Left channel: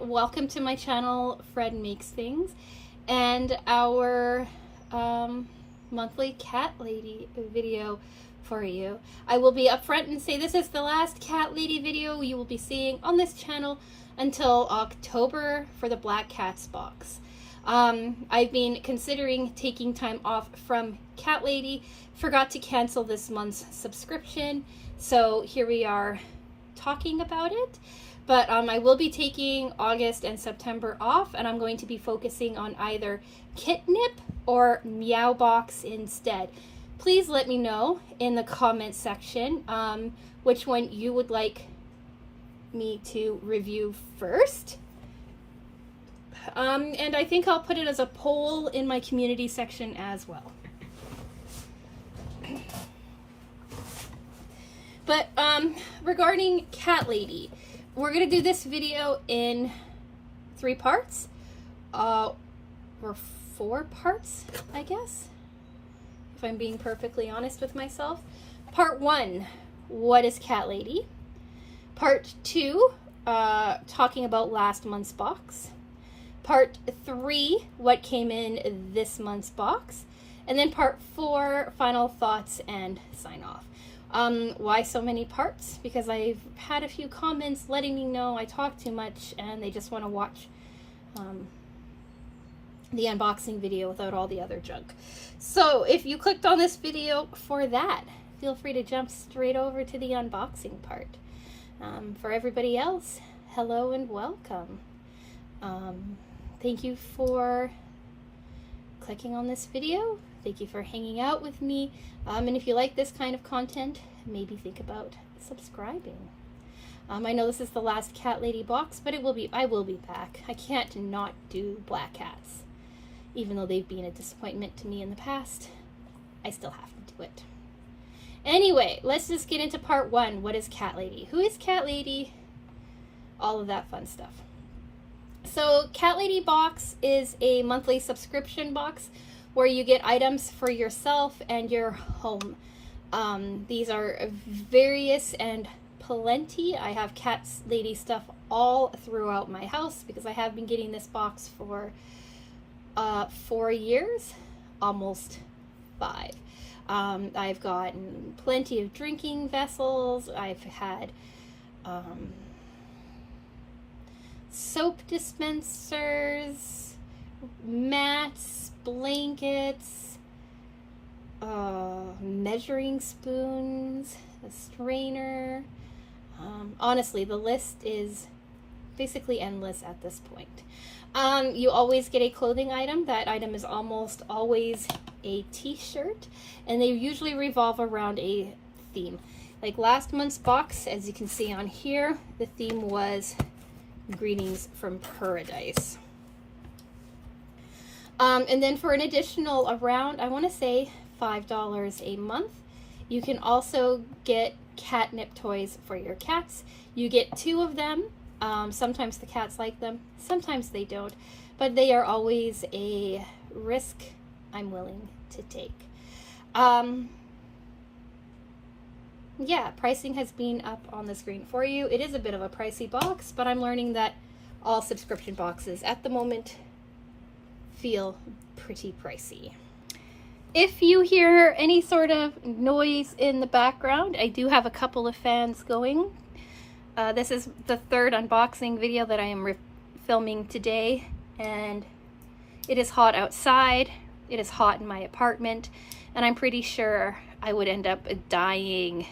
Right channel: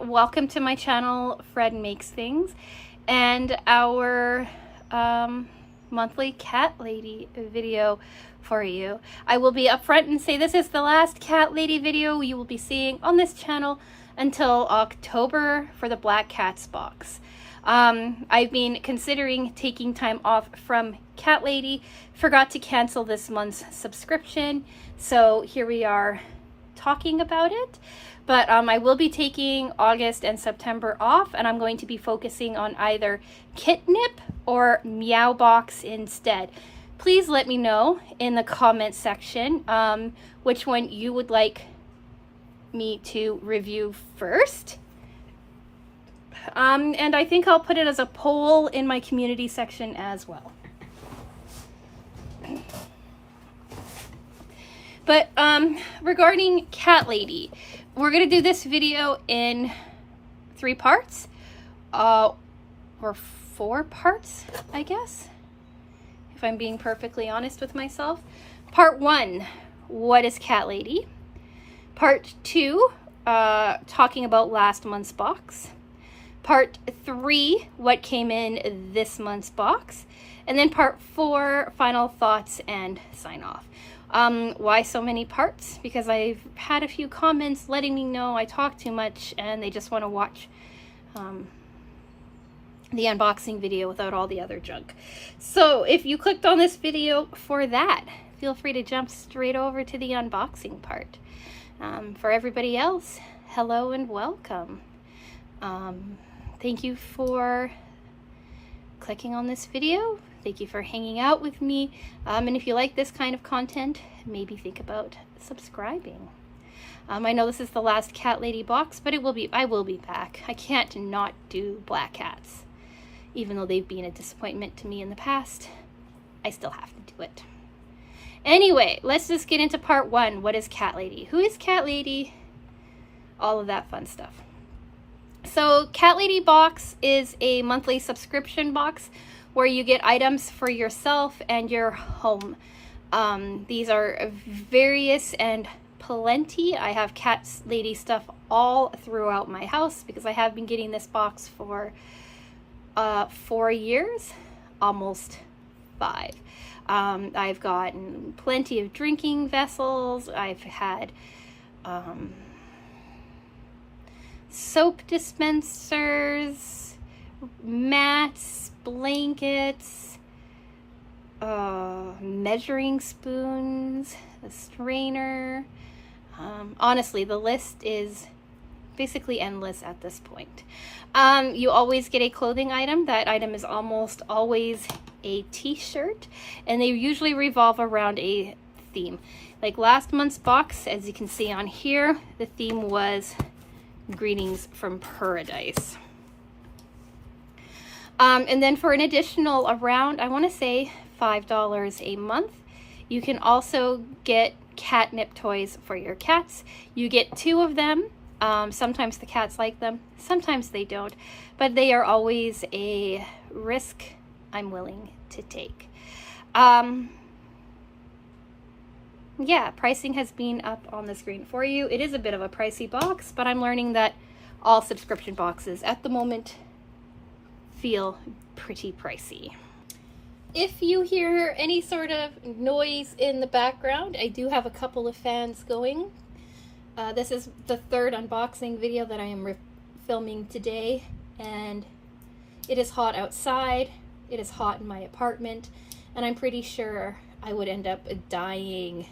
and welcome to my channel, Fred Makes Things, and our monthly cat lady video for you. I will be upfront and say this is the last cat lady video you will be seeing on this channel until October for the Black Cats box. I've been considering taking time off from Cat Lady, forgot to cancel this month's subscription, so here we are talking about it. But I will be taking August and September off, and I'm going to be focusing on either Kitnip or Meow Box instead. Please let me know in the comment section which one you would like me to review first. And I think I'll put it as a poll in my community section as well. But regarding Cat Lady, we're going to do this video in 3 parts, or 4 parts, I guess, if I'm being perfectly honest with myself. Part 1, what is Cat Lady? Part 2, talking about last month's box. Part 3, what came in this month's box. And then part 4, final thoughts and sign off. Why so many parts? Because I've had a few comments letting me know I talk too much and they just want to watch the unboxing video without all the other junk. So if you clicked on this video for that, feel free to jump straight over to the unboxing part. For everybody else, hello and welcome. Thank you for clicking on this video. Thank you for hanging out with me. And if you like this kind of content, maybe think about subscribing. I know this is the last Cat Lady box, but I will be back. I can't not do black cats. Even though they've been a disappointment to me in the past, I still have to do it. Anyway, let's just get into part 1. What is Cat Lady? Who is Cat Lady? All of that fun stuff. So Cat Lady box is a monthly subscription box where you get items for yourself and your home. These are various and plenty. I have Cat Lady stuff all throughout my house because I have been getting this box for 4 years, almost 5. I've gotten plenty of drinking vessels. I've had soap dispensers, mats, blankets, measuring spoons, a strainer. Honestly, the list is basically endless at this point. You always get a clothing item. That item is almost always a t-shirt, and they usually revolve around a theme. Like last month's box, as you can see on here, the theme was Greetings from Paradise. And then for an additional around, I want to say $5 a month, you can also get catnip toys for your cats. You get 2 of them. Sometimes the cats like them, sometimes they don't, but they are always a risk I'm willing to take. Yeah, pricing has been up on the screen for you. It is a bit of a pricey box, but I'm learning that all subscription boxes at the moment feel pretty pricey. If you hear any sort of noise in the background, I do have a couple of fans going. This is the 3rd unboxing video that I am filming today, and it is hot outside. It is hot in my apartment, and I'm pretty sure I would end up dying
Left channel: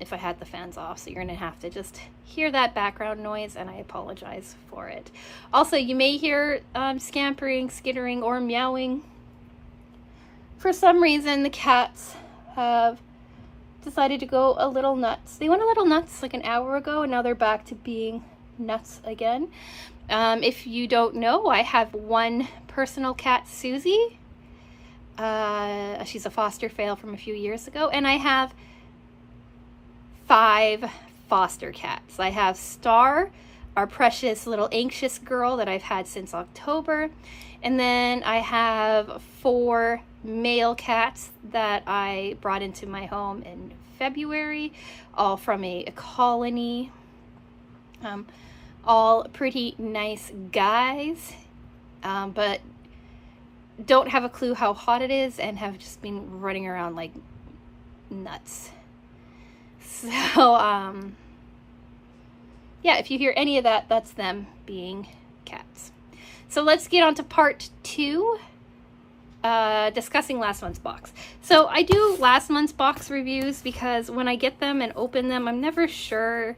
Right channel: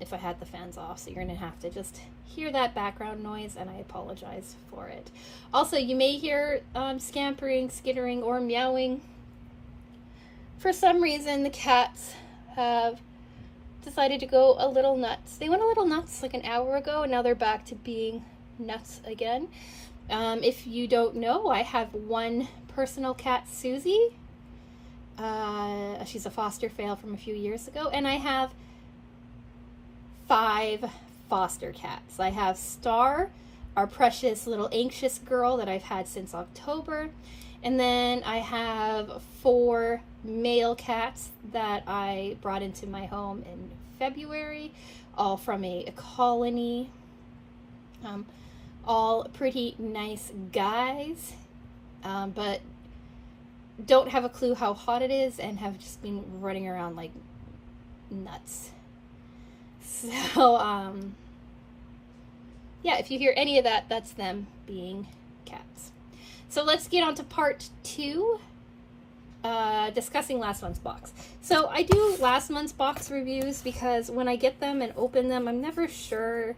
if I had the fans off. So you're gonna have to just hear that background noise, and I apologize for it. Also, you may hear scampering, skittering, or meowing. For some reason, the cats have decided to go a little nuts. They went a little nuts like an hour ago, and now they're back to being nuts again. If you don't know, I have one personal cat, Susie. She's a foster fail from a few years ago, and I have 5 foster cats. I have Star, our precious little anxious girl that I've had since October, and then I have 4 male cats that I brought into my home in February, all from a colony. all pretty nice guys, but don't have a clue how hot it is and have just been running around like nuts. So, yeah, if you hear any of that, that's them being cats. So let's get on to part 2, discussing last month's box. So I do last month's box reviews because when I get them and open them, I'm never sure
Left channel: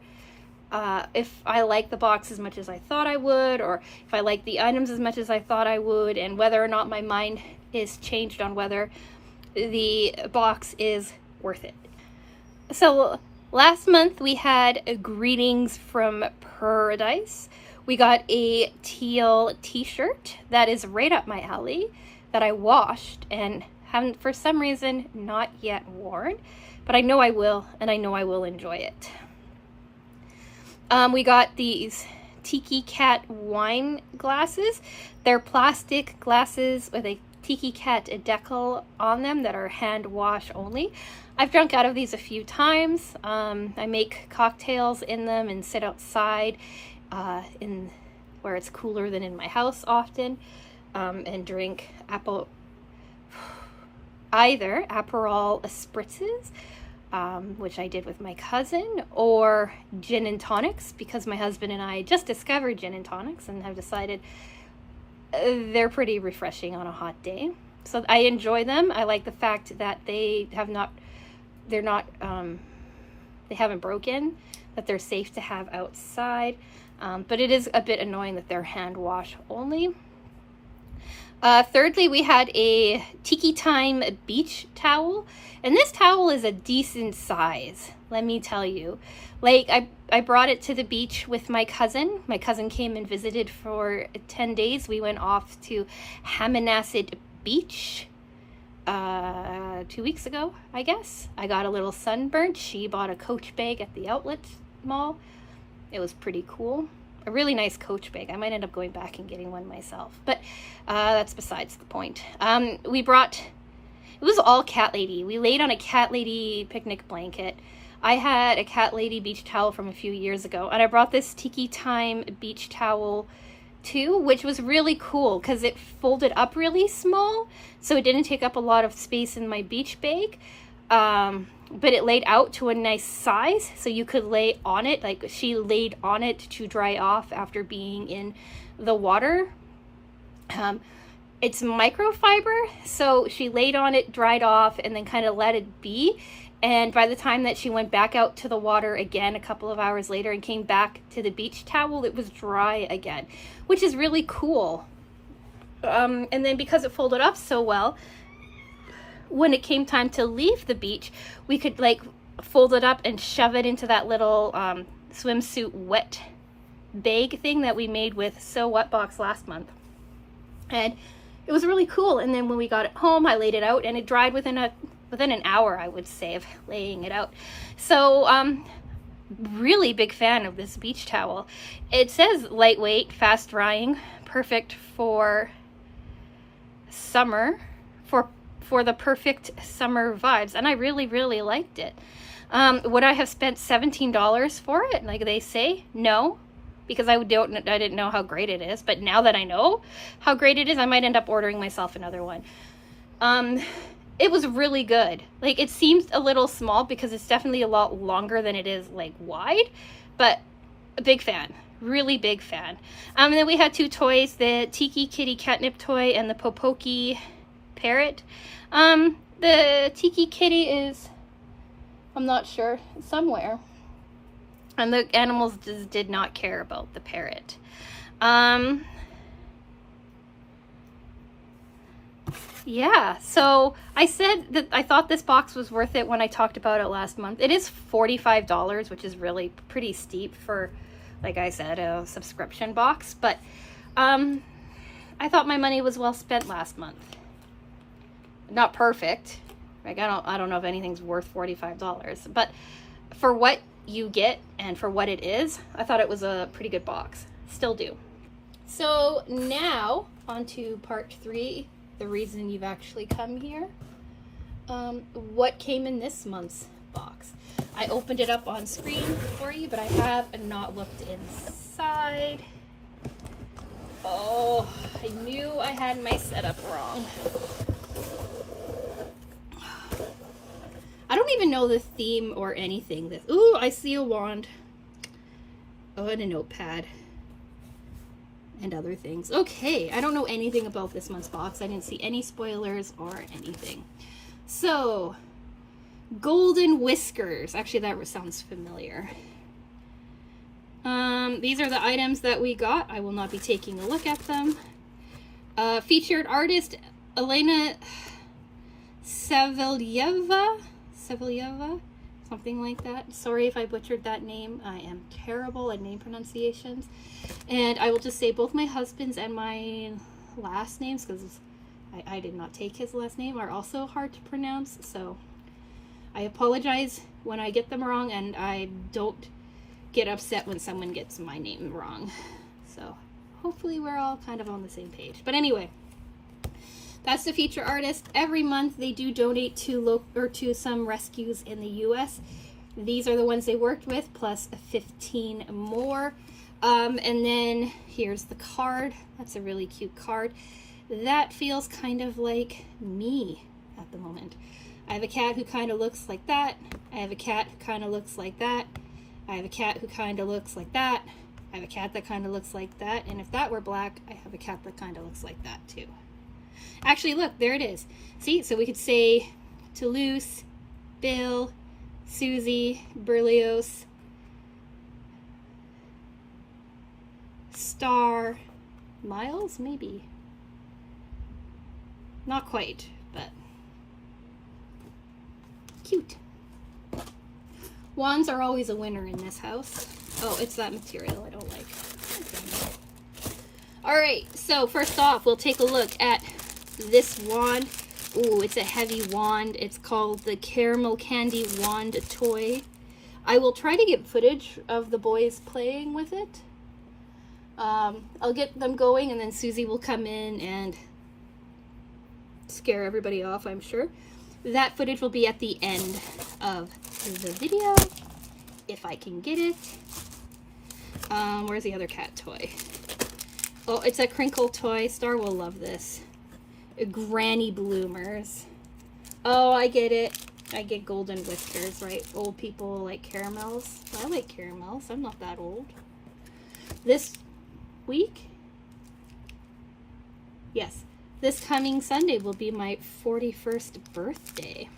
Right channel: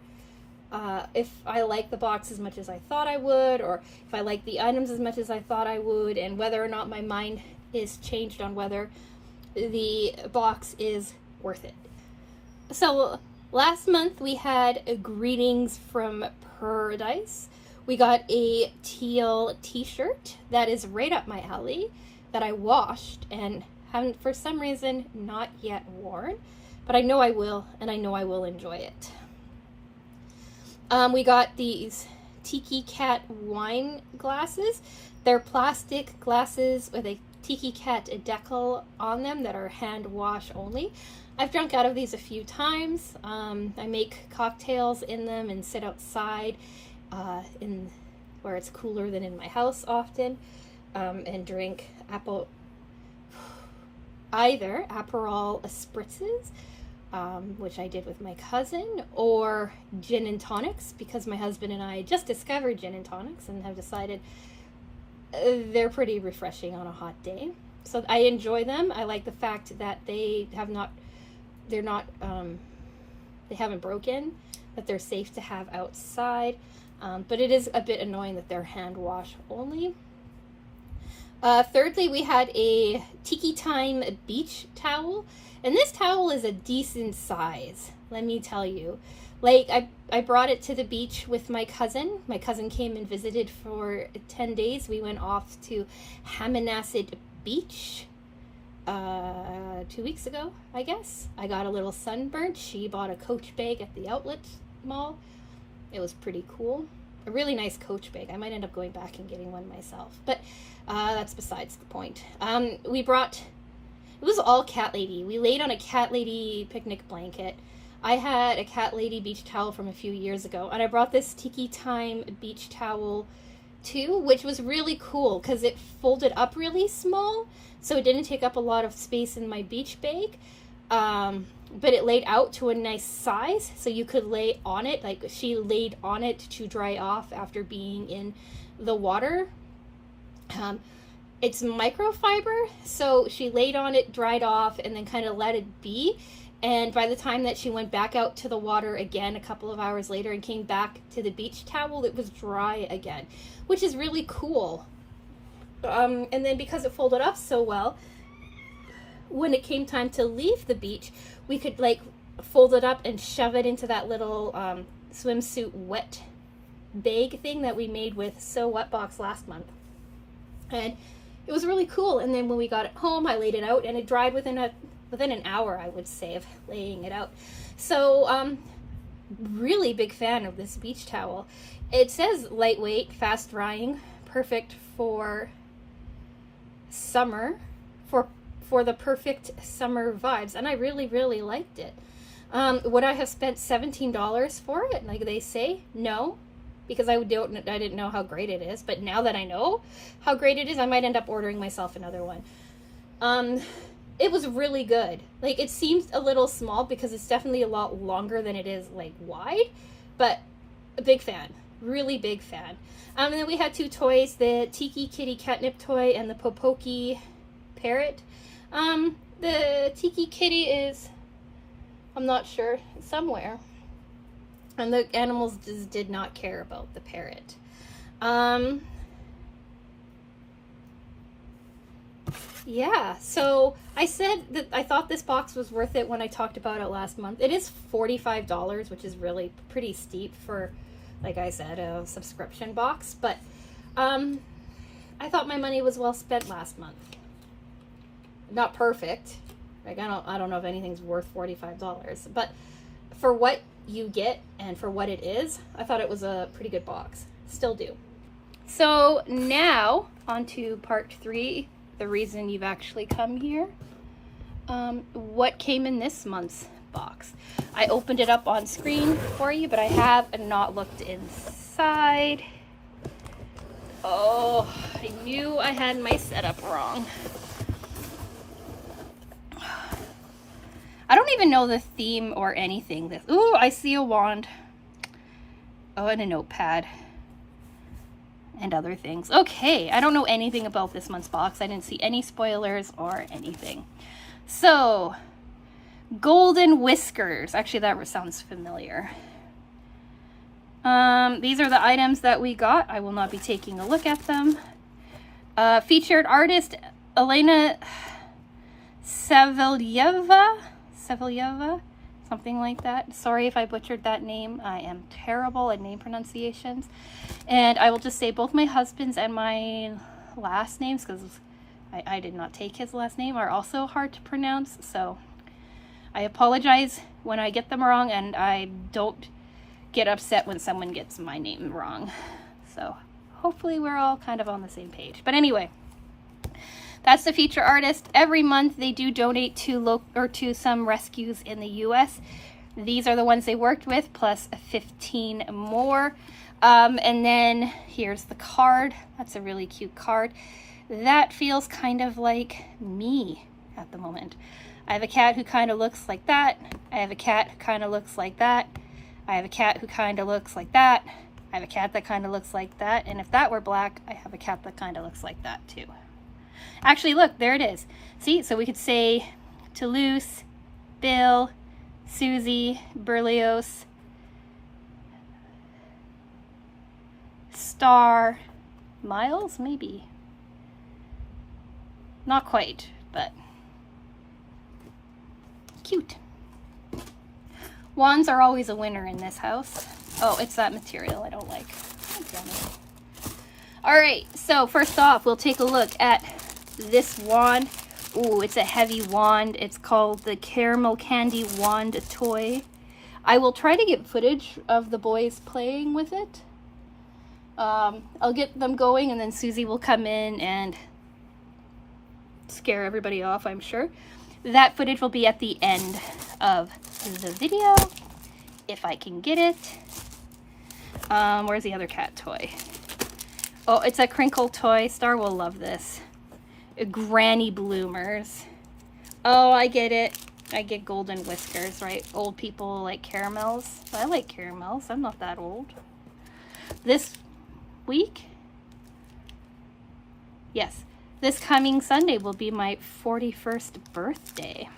if I like the box as much as I thought I would, or if I like the items as much as I thought I would, and whether or not my mind is changed on whether the box is worth it. So last month we had Greetings from Paradise. We got a teal t-shirt that is right up my alley that I washed and haven't for some reason not yet worn, but I know I will, and I know I will enjoy it. We got these Tiki Cat wine glasses. They're plastic glasses with a Tiki Cat decal on them that are hand wash only. I've drunk out of these a few times. I make cocktails in them and sit outside in where it's cooler than in my house often, and drink either Aperol spritzes, which I did with my cousin, or gin and tonics, because my husband and I just discovered gin and tonics and have decided they're pretty refreshing on a hot day. So I enjoy them. I like the fact that they haven't broken, that they're safe to have outside, but it is a bit annoying that they're hand wash only. Thirdly, we had a Tiki Time beach towel, and this towel is a decent size, let me tell you. Like, I brought it to the beach with my cousin. My cousin came and visited for 10 days. We went off to Hammonasset Beach 2 weeks ago, I guess. I got a little sunburnt. She bought a Coach bag at the outlet mall. It was pretty cool. A really nice Coach bag. I might end up going back and getting one myself, but that's besides the point. It was all Cat Lady. We laid on a Cat Lady picnic blanket. I had a Cat Lady beach towel from a few years ago, and I brought this Tiki Time beach towel too, which was really cool because it folded up really small, so it didn't take up a lot of space in my beach bag. But it laid out to a nice size, so you could lay on it. Like, she laid on it to dry off after being in the water. It's microfiber, so she laid on it, dried off, and then kind of let it be. And by the time that she went back out to the water again a couple of hours later and came back to the beach towel, it was dry again, which is really cool. And then because it folded up so well, when it came time to leave the beach, we could like fold it up and shove it into that little swimsuit wet bag thing that we made with So What Box last month. And it was really cool. And then when we got it home, I laid it out and it dried within an hour, I would say, of laying it out. So really big fan of this beach towel. It says lightweight, fast drying, perfect for summer, for the perfect summer vibes, and I really liked it. Would I have spent $17 for it, like they say? No, because I didn't know how great it is. But now that I know how great it is, I might end up ordering myself another one. It was really good. Like, it seems a little small because it's definitely a lot longer than it is like wide, but a big fan. Really big fan. And then we had two toys, the Tiki Kitty catnip toy and the Popoki parrot. The Tiki Kitty is, I'm not sure, somewhere. And the animals just did not care about the parrot. Yeah, so I said that I thought this box was worth it when I talked about it last month. It is $45, which is really pretty steep for, like I said, a subscription box. But I thought my money was well spent last month. Not perfect. Like, I don't know if anything's worth $45, but for what you get and for what it is, I thought it was a pretty good box. Still do. So now on to part 3, the reason you've actually come here. What came in this month's box? I opened it up on screen for you, but I have not looked side. Oh, I knew I had my setup wrong. I don't even know the theme or anything. Ooh, I see a wand. Oh, and a notepad. And other things. Okay, I don't know anything about this month's box. I didn't see any spoilers or anything. So, golden whiskers. Actually, that sounds familiar. These are the items that we got. I will not be taking a look at them. Featured artist Elena Savelyeva, something like that. Sorry if I butchered that name. I am terrible at name pronunciations. And I will just say both my husband's and my last names, because I did not take his last name, are also hard to pronounce. So I apologize when I get them wrong, and I don't get upset when someone gets my name wrong. So hopefully we're all kind of on the same page. But anyway, that's the feature artist. Every month they do donate to some rescues in the US. These are the ones they worked with, plus 15 more. And then here's the card. That's a really cute card. That feels kind of like me at the moment. I have a cat who kind of looks like that. I have a cat who kind of looks like that. I have a cat who kind of looks like that. I have a cat that kind of looks like that. And if that were black, I have a cat that kind of looks like that too. Actually, look, there it is. See, so we could say Toulouse, Bill, Susie, Berlioz, Star, Miles, maybe. Not quite, but cute. Wands are always a winner in this house. Oh, it's that material I don't like. All right, so first off, we'll take a look at this wand. Ooh, it's a heavy wand. It's called the Caramel Candy Wand Toy. I will try to get footage of the boys playing with it. I'll get them going, and then Susie will come in and scare everybody off, I'm sure. That footage will be at the end of the video, if I can get it. Where's the other cat toy? Oh, it's a crinkle toy. Star will love this. Granny bloomers. Oh, I get it. I get golden whiskers, right? Old people like caramels. I like caramels. I'm not that old. This week? Yes. This coming Sunday will be my 41st birthday.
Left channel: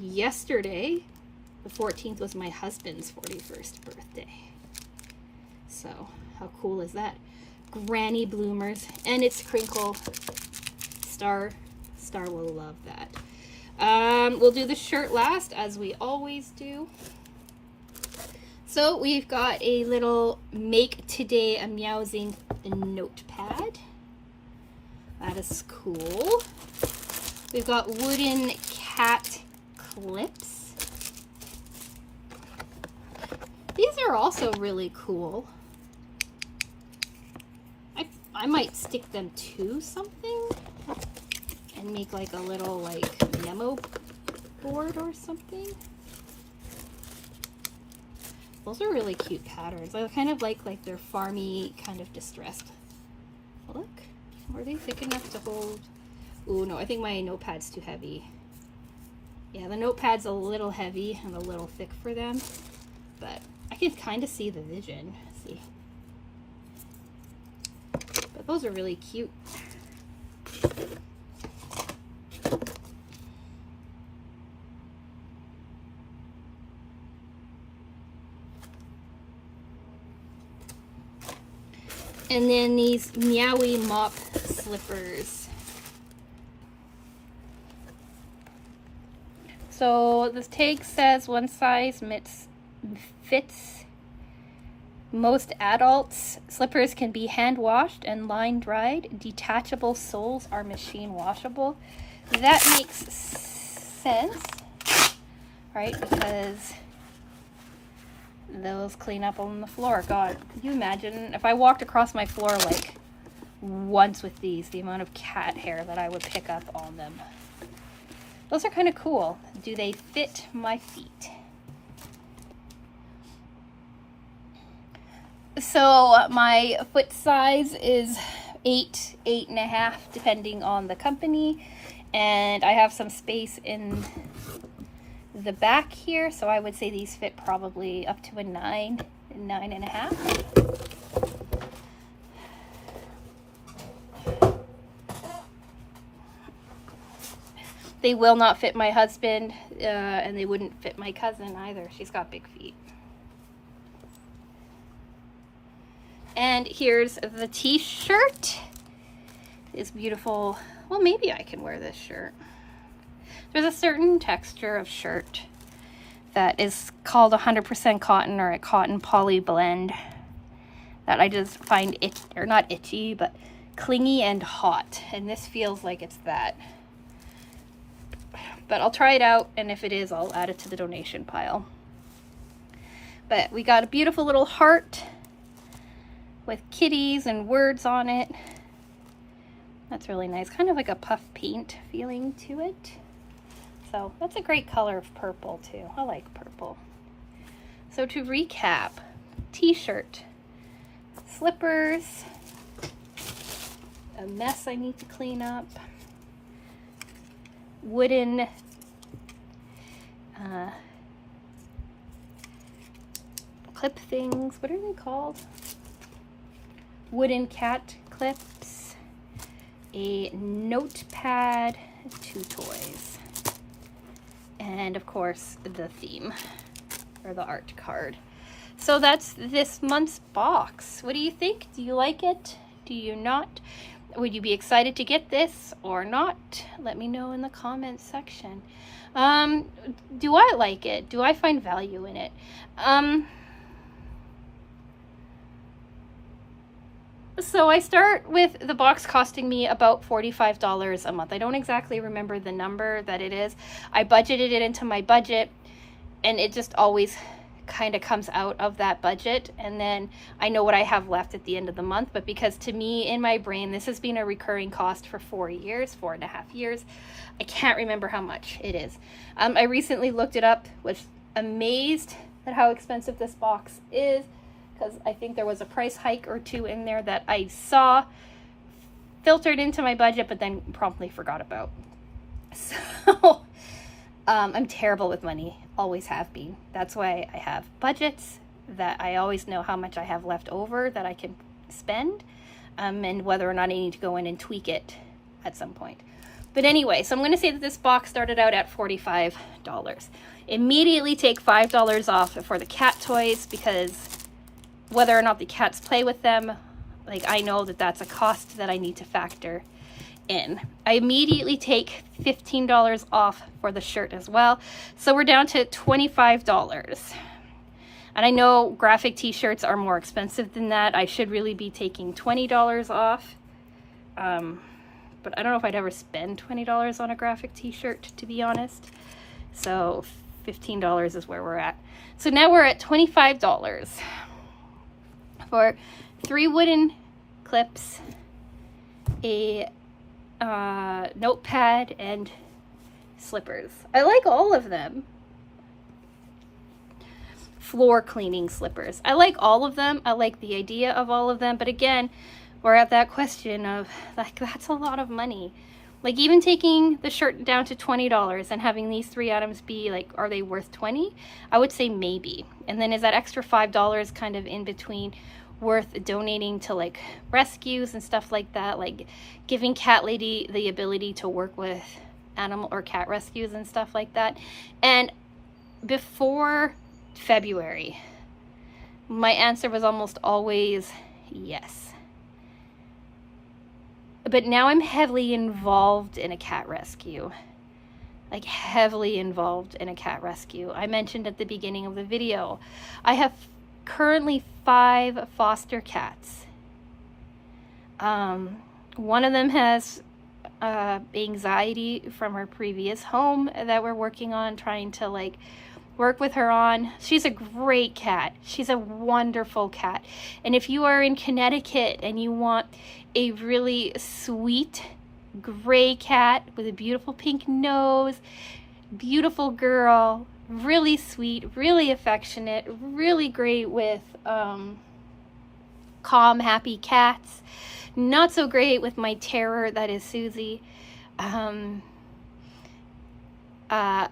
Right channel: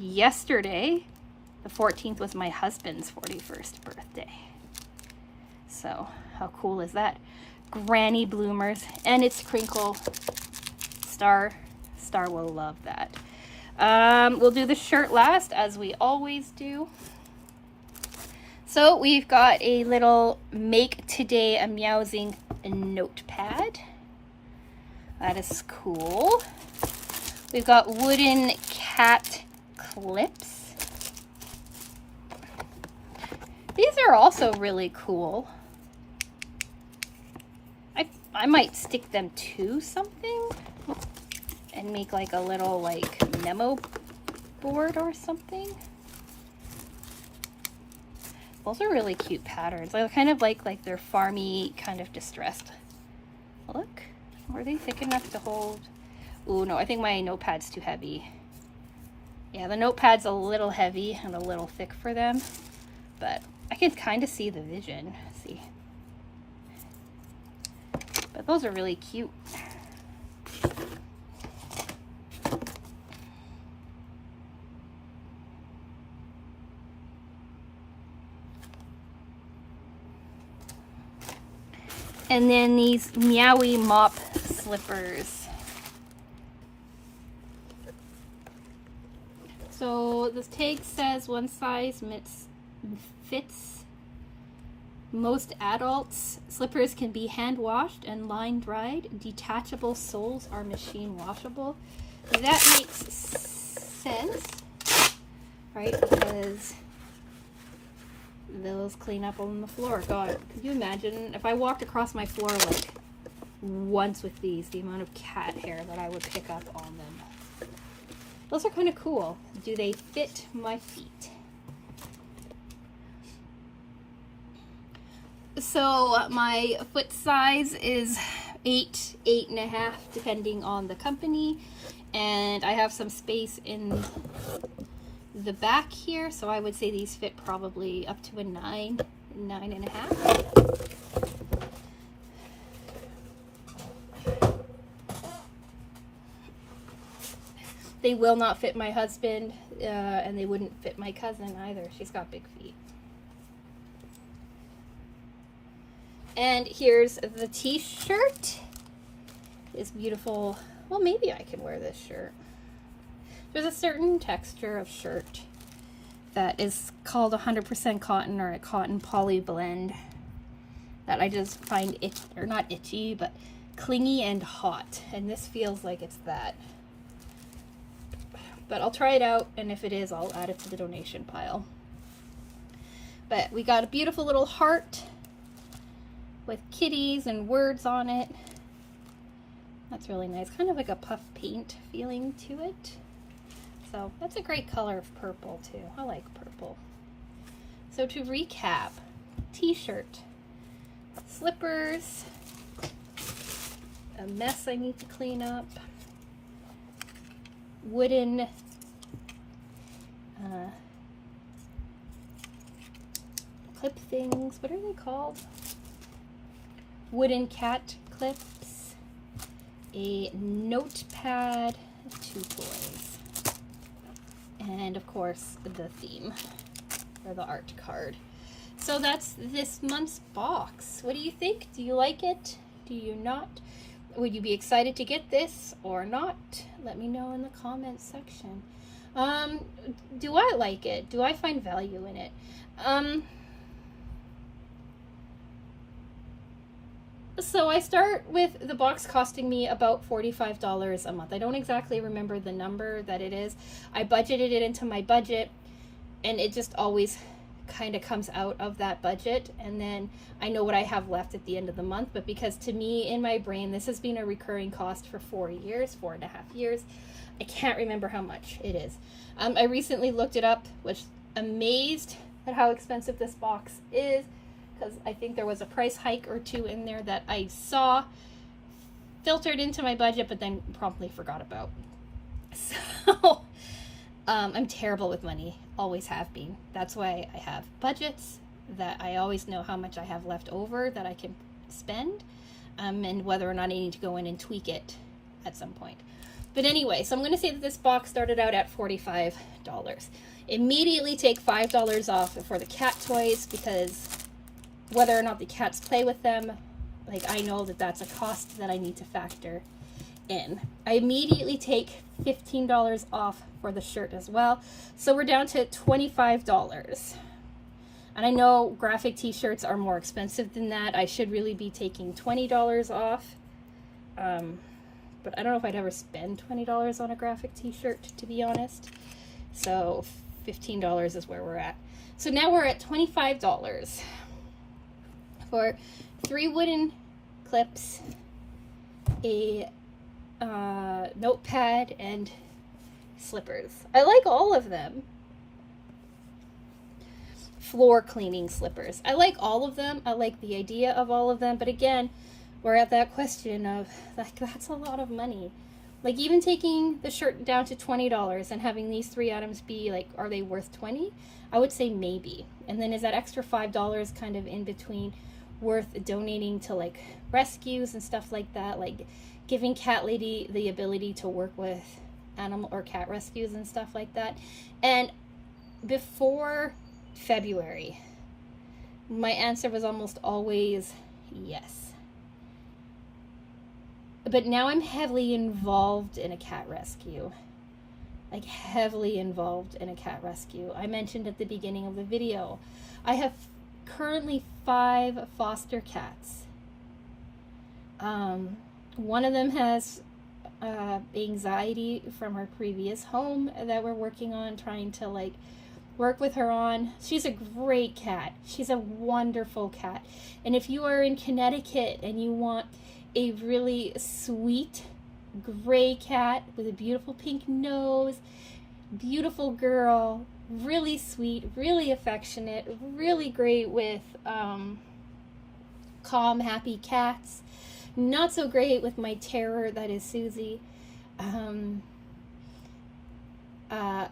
Yesterday, the 14th, was my husband's 41st birthday. So, how cool is that? Granny bloomers, and it's crinkle. Star will love that. We'll do the shirt last, as we always do. So we've got a little Make Today a Meowsing notepad. That is cool. We've got wooden cat clips. These are also really cool. I might stick them to something and make like a little like memo board or something. Those are really cute patterns. I kind of like they're farmy, kind of distressed. Look, were they thick enough to hold? Oh no, I think my notepad's too heavy. Yeah, the notepad's a little heavy and a little thick for them, but I can kind of see the vision. See, but those are really cute. And then these Meowie Mop slippers. So this tag says one size fits most adults. Slippers can be hand washed and line dried. Detachable soles are machine washable. That makes sense, right? Because those clean up on the floor. God, could you imagine if I walked across my floor like once with these, the amount of cat hair that I would pick up on them. Those are kind of cool. Do they fit my feet? So my foot size is 8, 8.5, depending on the company. And I have some space in the back here, so I would say these fit probably up to a 9, 9.5. They will not fit my husband, and they wouldn't fit my cousin either. She's got big feet. And here's the t-shirt. It's beautiful. Well, maybe I can wear this shirt. There's a certain texture of shirt that is called 100% cotton or a cotton poly blend that I just find not itchy, but clingy and hot. And this feels like it's that. But I'll try it out, and if it is, I'll add it to the donation pile. But we got a beautiful little heart with kitties and words on it. That's really nice. Kind of like a puff paint feeling to it. So that's a great color of purple too. I like purple. So to recap, t-shirt, slippers, a mess I need to clean up, wooden clip things. What are they called? Wooden cat clips, a notepad, 2 toys, and of course the theme or the art card. So that's this month's box. What do you think? Do you like it? Do you not? Would you be excited to get this or not? Let me know in the comments section. Do I like it? Do I find value in it? So I start with the box costing me about $45 a month. I don't exactly remember the number that it is. I budgeted it into my budget, and it just always kind of comes out of that budget, and then I know what I have left at the end of the month. But because to me, in my brain, this has been a recurring cost for 4.5 years, I can't remember how much it is. I recently looked it up, was amazed at how expensive this box is, because I think there was a price hike or two in there that I saw filtered into my budget, but then promptly forgot about. So I'm terrible with money, always have been. That's why I have budgets, that I always know how much I have left over that I can spend, and whether or not I need to go in and tweak it at some point. But anyway, so I'm going to say that this box started out at $45. Immediately take $5 off for the cat toys, because whether or not the cats play with them, like, I know that that's a cost that I need to factor in. I immediately take $15 off for the shirt as well. So we're down to $25. And I know graphic t-shirts are more expensive than that. I should really be taking $20 off. But I don't know if I'd ever spend $20 on a graphic t-shirt, to be honest. So $15 is where we're at. So now we're at $25 for 3 wooden clips, a notepad, and slippers. I like all of them. Floor cleaning slippers. I like all of them. I like the idea of all of them. But again, we're at that question of, like, that's a lot of money. Like, even taking the shirt down to $20 and having these 3 items be like, are they worth $20? I would say maybe. And then is that extra $5 kind of in between worth donating to like rescues and stuff like that, like giving Cat Lady the ability to work with animal or cat rescues and stuff like that? And before February, my answer was almost always yes. But now I'm heavily involved in a cat rescue. Like, heavily involved in a cat rescue. I mentioned at the beginning of the video, I have currently 5 foster cats. One of them has anxiety from her previous home that we're working on, trying to like work with her on. She's a great cat. She's a wonderful cat. And if you are in Connecticut and you want a really sweet gray cat with a beautiful pink nose, beautiful girl, really sweet, really affectionate, really great with calm, happy cats. Not so great with my terror, that is Susie.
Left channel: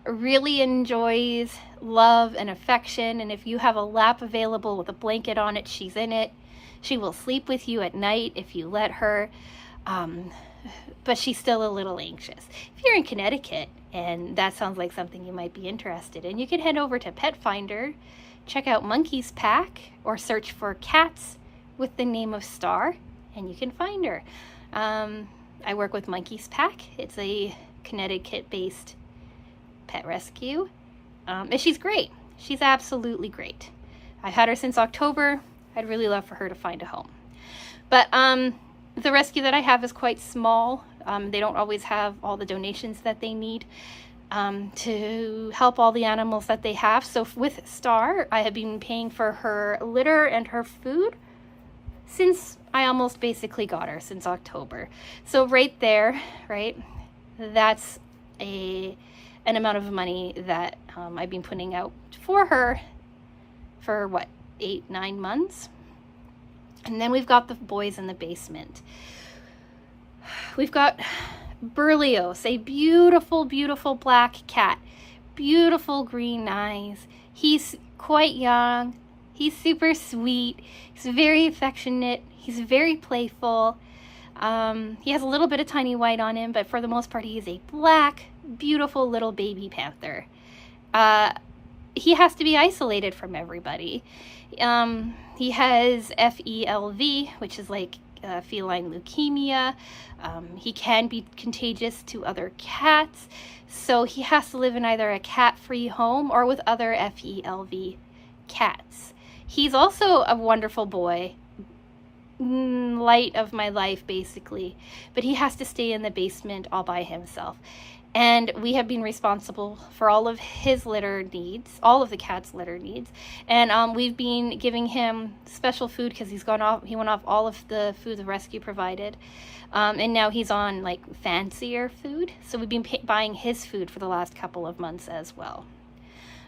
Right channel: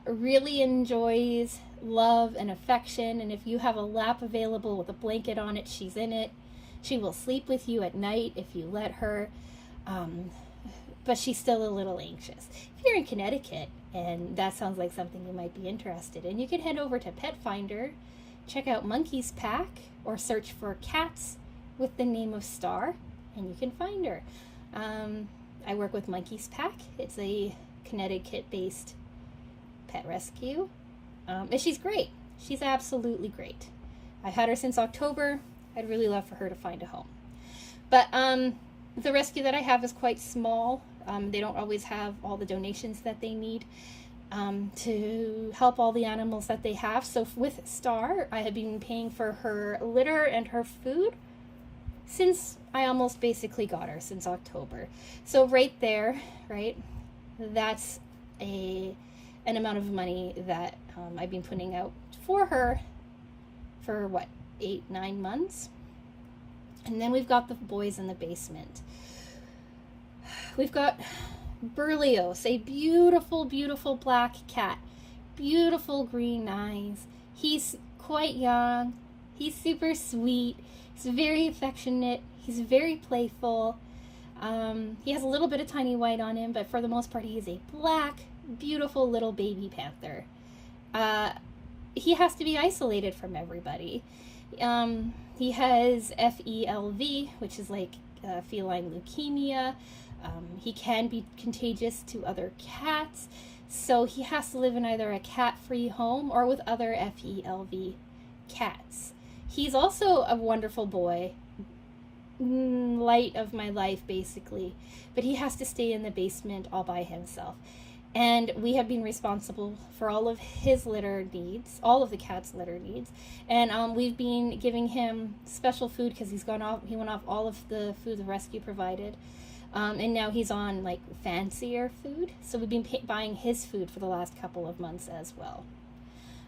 Really enjoys love and affection, and if you have a lap available with a blanket on it, she's in it. She will sleep with you at night if you let her, but she's still a little anxious. If you're in Connecticut and that sounds like something you might be interested in, you can head over to Pet Finder, check out Monkey's Pack, or search for cats with the name of Star, and you can find her. I work with Monkey's Pack. It's a Connecticut-based pet rescue, and she's great. She's absolutely great. I've had her since October. I'd really love for her to find a home. But the rescue that I have is quite small. They don't always have all the donations that they need to help all the animals that they have. So with Star, I have been paying for her litter and her food since I almost basically got her, since October. So right there, right, that's an amount of money that I've been putting out for her for what, 8-9 months. And then we've got the boys in the basement. We've got Berlioz, a beautiful, beautiful black cat, beautiful green eyes. He's quite young. He's super sweet. He's very affectionate. He's very playful. He has a little bit of tiny white on him, but for the most part, he is a black, beautiful little baby panther. He has to be isolated from everybody. He has FELV, which is like feline leukemia. He can be contagious to other cats, so he has to live in either a cat-free home or with other FELV cats. He's also a wonderful boy, light of my life basically, but he has to stay in the basement all by himself. And we have been responsible for all of his litter needs, all of the cat's litter needs. And we've been giving him special food because he went off all of the food the rescue provided. And now he's on like fancier food. So we've been buying his food for the last couple of months as well.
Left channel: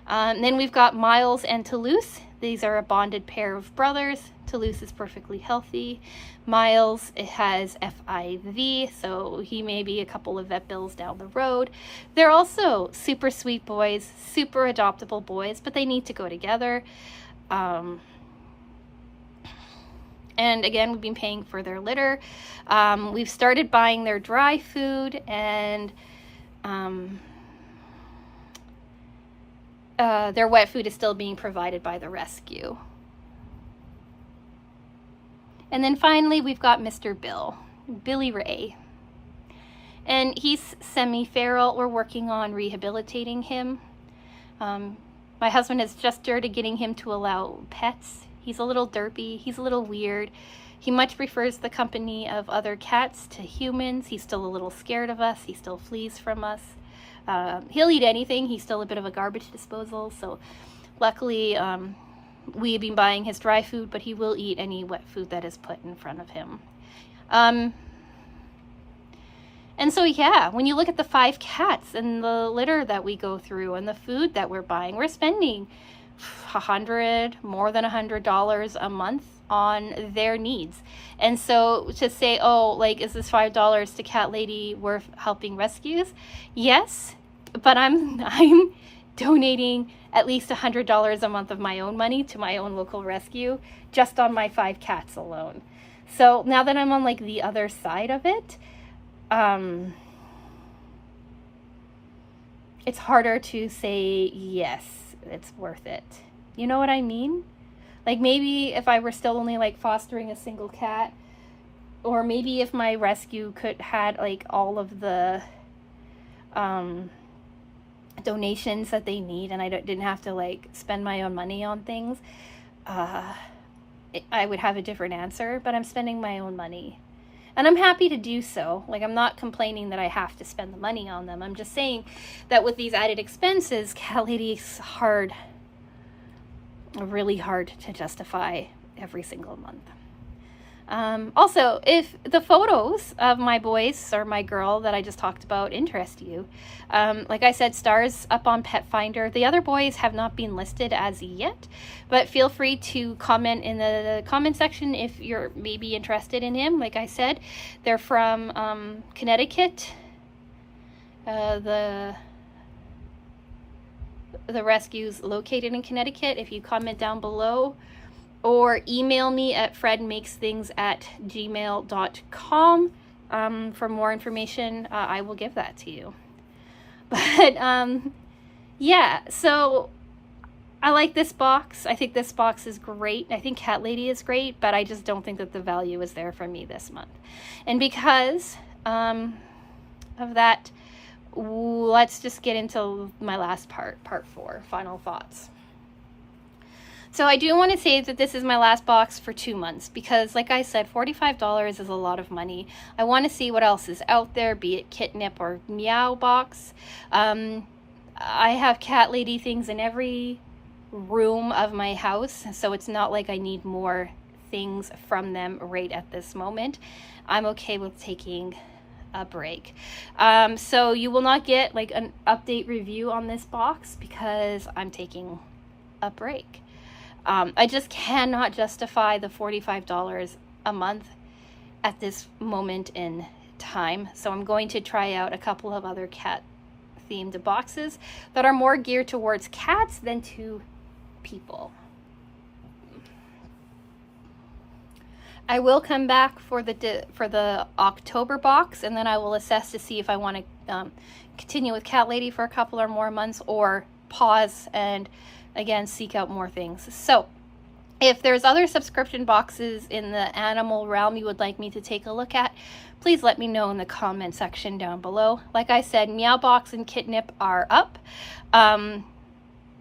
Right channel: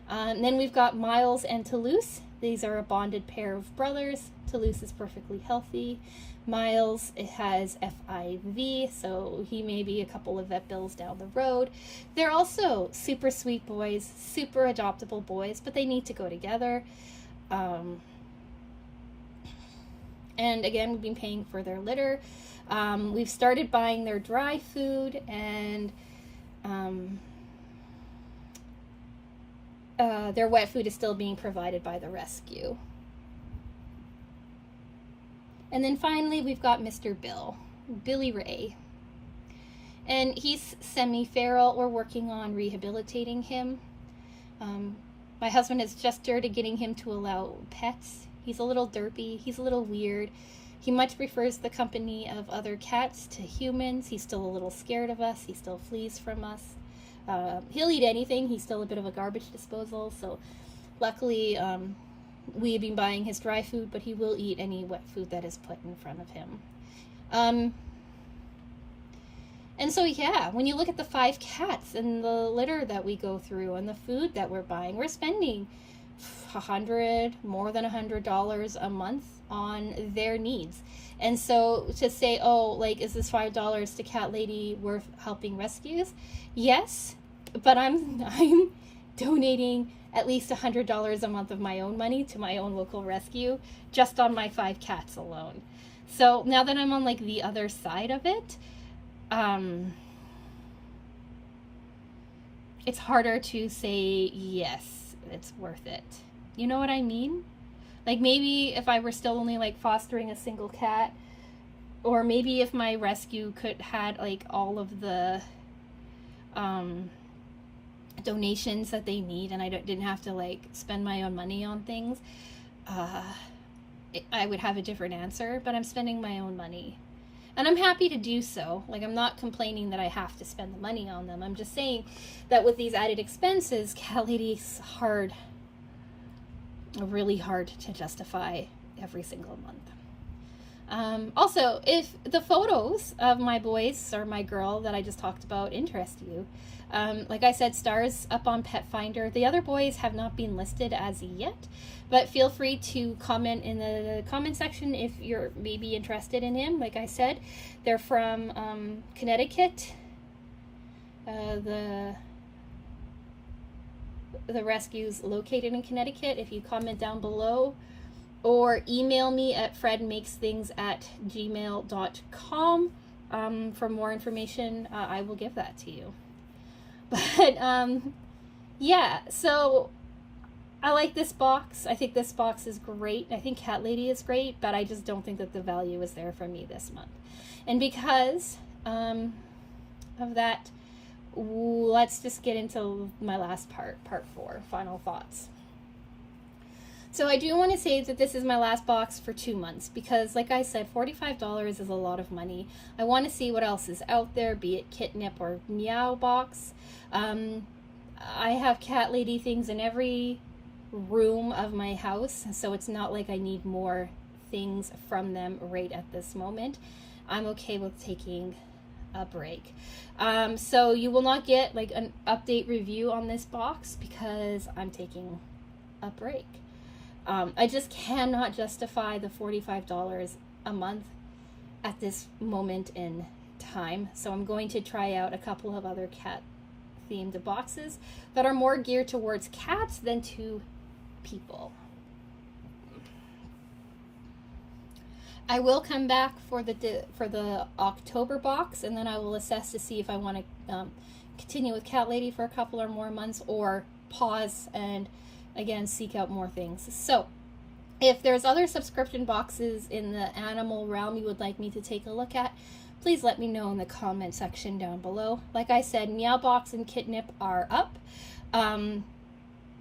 Then we've got Miles and Toulouse. These are a bonded pair of brothers. Toulouse is perfectly healthy. Miles, it has FIV, so he may be a couple of vet bills down the road. They're also super sweet boys, super adoptable boys, but they need to go together. And again, we've been paying for their litter. We've started buying their dry food, and their wet food is still being provided by the rescue. And then finally, we've got Mr. Billy Ray. And he's semi-feral. We're working on rehabilitating him. My husband has just started getting him to allow pets. He's a little derpy. He's a little weird. He much prefers the company of other cats to humans. He's still a little scared of us. He still flees from us. He'll eat anything. He's still a bit of a garbage disposal. So luckily, we have been buying his dry food, but he will eat any wet food that is put in front of him. And so, yeah, when you look at the 5 cats and the litter that we go through and the food that we're buying, we're spending more than $100 a month on their needs. And so to say, oh, like, is this $5 to Cat Lady worth helping rescues? Yes, but I'm donating at least $100 a month of my own money to my own local rescue just on my 5 cats alone. So now that I'm on like the other side of it, it's harder to say yes, it's worth it. You know what I mean? Like maybe if I were still only like fostering a single cat, or maybe if my rescue had like all of the donations that they need and I didn't have to like spend my own money on things, I would have a different answer, but I'm spending my own money. And I'm happy to do so. Like, I'm not complaining that I have to spend the money on them. I'm just saying that with these added expenses, Cat Lady's really hard to justify every single month. Also, if the photos of my boys or my girl that I just talked about interest you, like I said, Star's up on Pet Finder. The other boys have not been listed as yet, but feel free to comment in the comment section if you're maybe interested in him. Like I said, they're from Connecticut. The rescue's located in Connecticut. If you comment down below, or email me at fredmakesthings@gmail.com for more information, I will give that to you. But yeah, so I like this box. I think this box is great. I think Cat Lady is great, but I just don't think that the value is there for me this month. And because of that, let's just get into my last part 4, final thoughts. So I do want to say that this is my last box for 2 months because, like I said, $45 is a lot of money. I want to see what else is out there, be it Kitnip or Meow box. I have Cat Lady things in every room of my house, so it's not like I need more things from them right at this moment. I'm okay with taking a break. So you will not get like an update review on this box because I'm taking a break. I just cannot justify the $45 a month at this moment in time. So I'm going to try out a couple of other cat themed boxes that are more geared towards cats than to people. I will come back for the October box, and then I will assess to see if I want to continue with Cat Lady for a couple or more months, or pause and again seek out more things. So if there's other subscription boxes in the animal realm you would like me to take a look at, please let me know in the comment section down below. Like I said, Meow Box and Kitnip are up.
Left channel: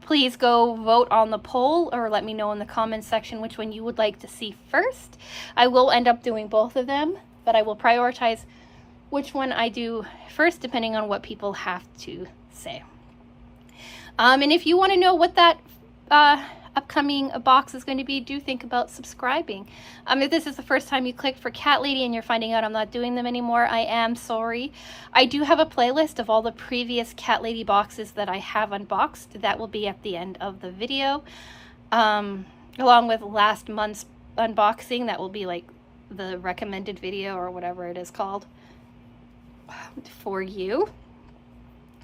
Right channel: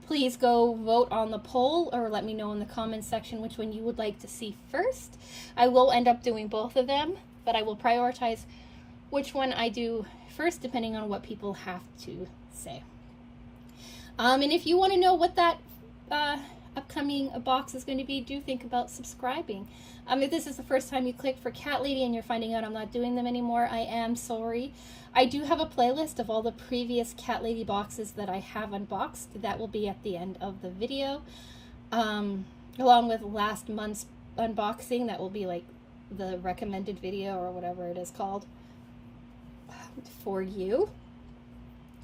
Please go vote on the poll or let me know in the comments section which one you would like to see first. I will end up doing both of them, but I will prioritize which one I do first depending on what people have to say. And if you want to know what that upcoming box is going to be, do think about subscribing. If this is the first time you clicked for Cat Lady and you're finding out I'm not doing them anymore, I am sorry. I do have a playlist of all the previous Cat Lady boxes that I have unboxed. That will be at the end of the video, along with last month's unboxing. That will be like the recommended video or whatever it is called for you.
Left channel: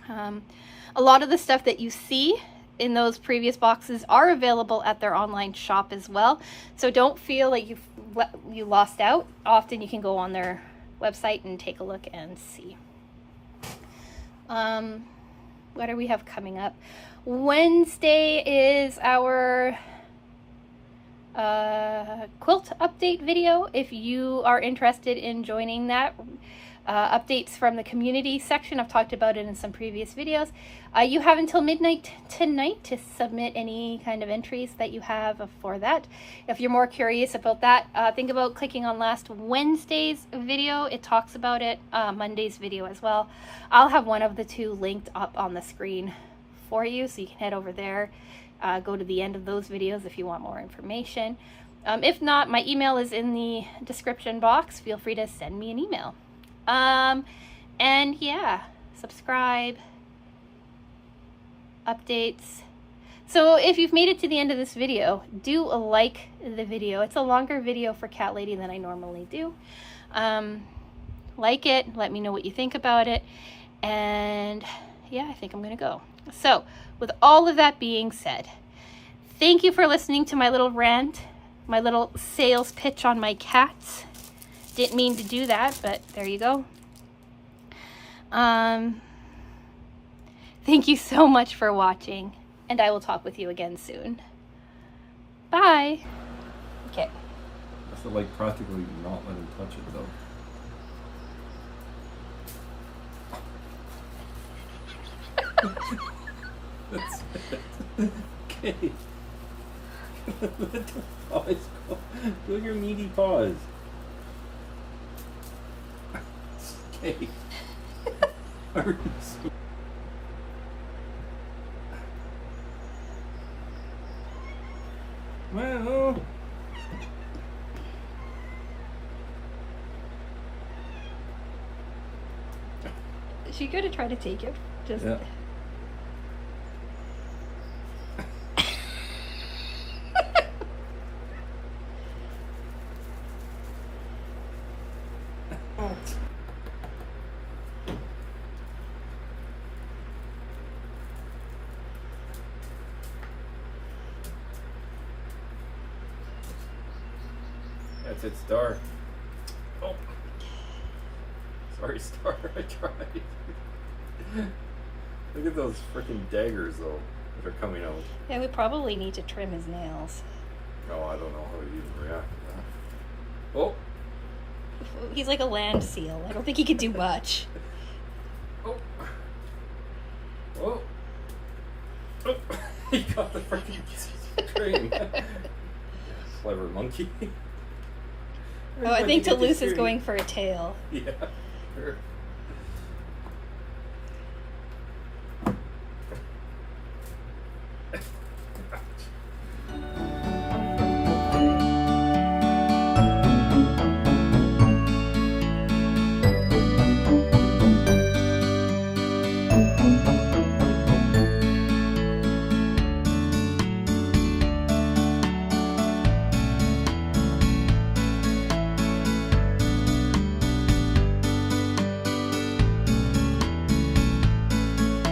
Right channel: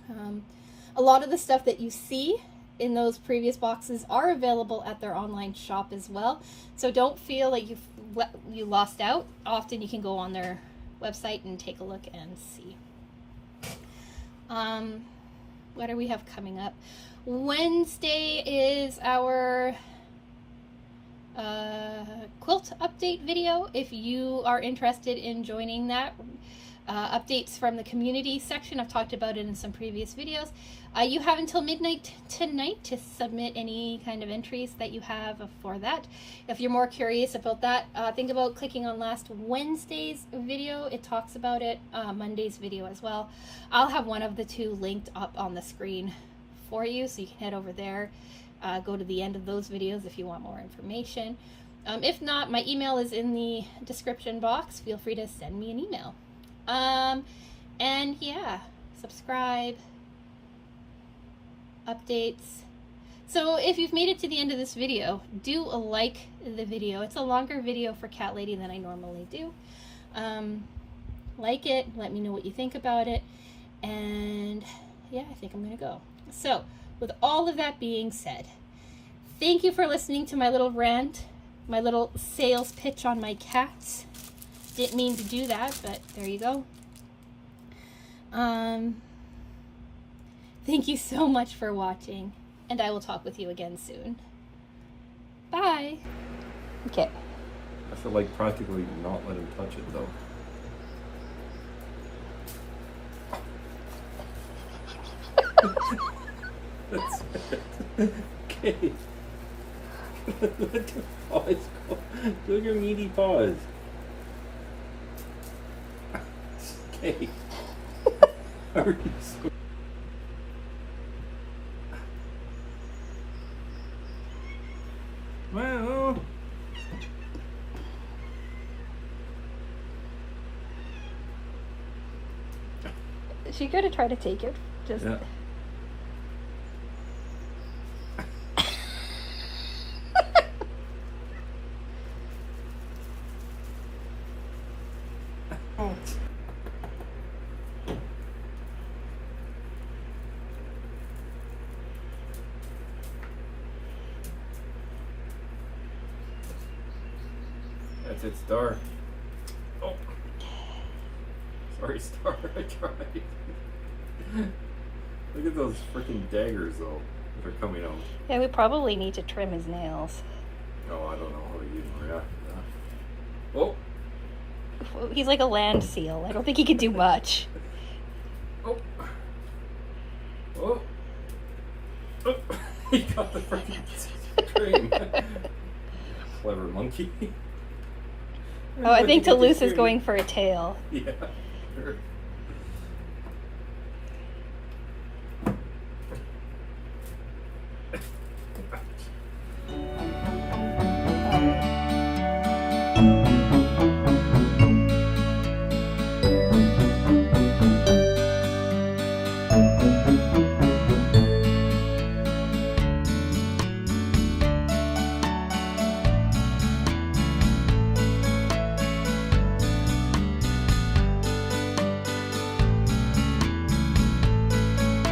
A lot of the stuff that you see in those previous boxes are available at their online shop as well. So don't feel like you lost out. Often you can go on their website and take a look and see. What do we have coming up? Wednesday is our quilt update video. If you are interested in joining that, updates from the community section, I've talked about it in some previous videos. You have until midnight tonight to submit any kind of entries that you have for that. If you're more curious about that, think about clicking on last Wednesday's video. It talks about it. Monday's video as well. I'll have one of the two linked up on the screen for you, so you can head over there, go to the end of those videos if you want more information. If not, my email is in the description box. Feel free to send me an email. And yeah, subscribe, updates. So if you've made it to the end of this video, do like the video. It's a longer video for Cat Lady than I normally do. Like it, let me know what you think about it, and yeah, I think I'm gonna go. So with all of that being said, thank you for listening to my little rant, my little sales pitch on my cats. Didn't mean to do that, but there you go. Thank you so much for watching, and I will talk with you again soon. Bye. Okay. I feel like practically not let him touch it though. That's it. Okay. Let the paws go. Do your meaty paws. Okay. Are you so well. She gonna try to take it. Just. Yeah. That's it, Star. Oh. Sorry, Star. I tried. Look at those freaking daggers, though, that are coming out. Yeah, we probably need to trim his nails. Oh, I don't know how to even react to that. Oh. He's like a land seal. I don't think he can do much. Oh. Oh. Oh. He got the freaking string. Clever monkey. Oh, I think Toulouse is going for a tail. Yeah. Sure.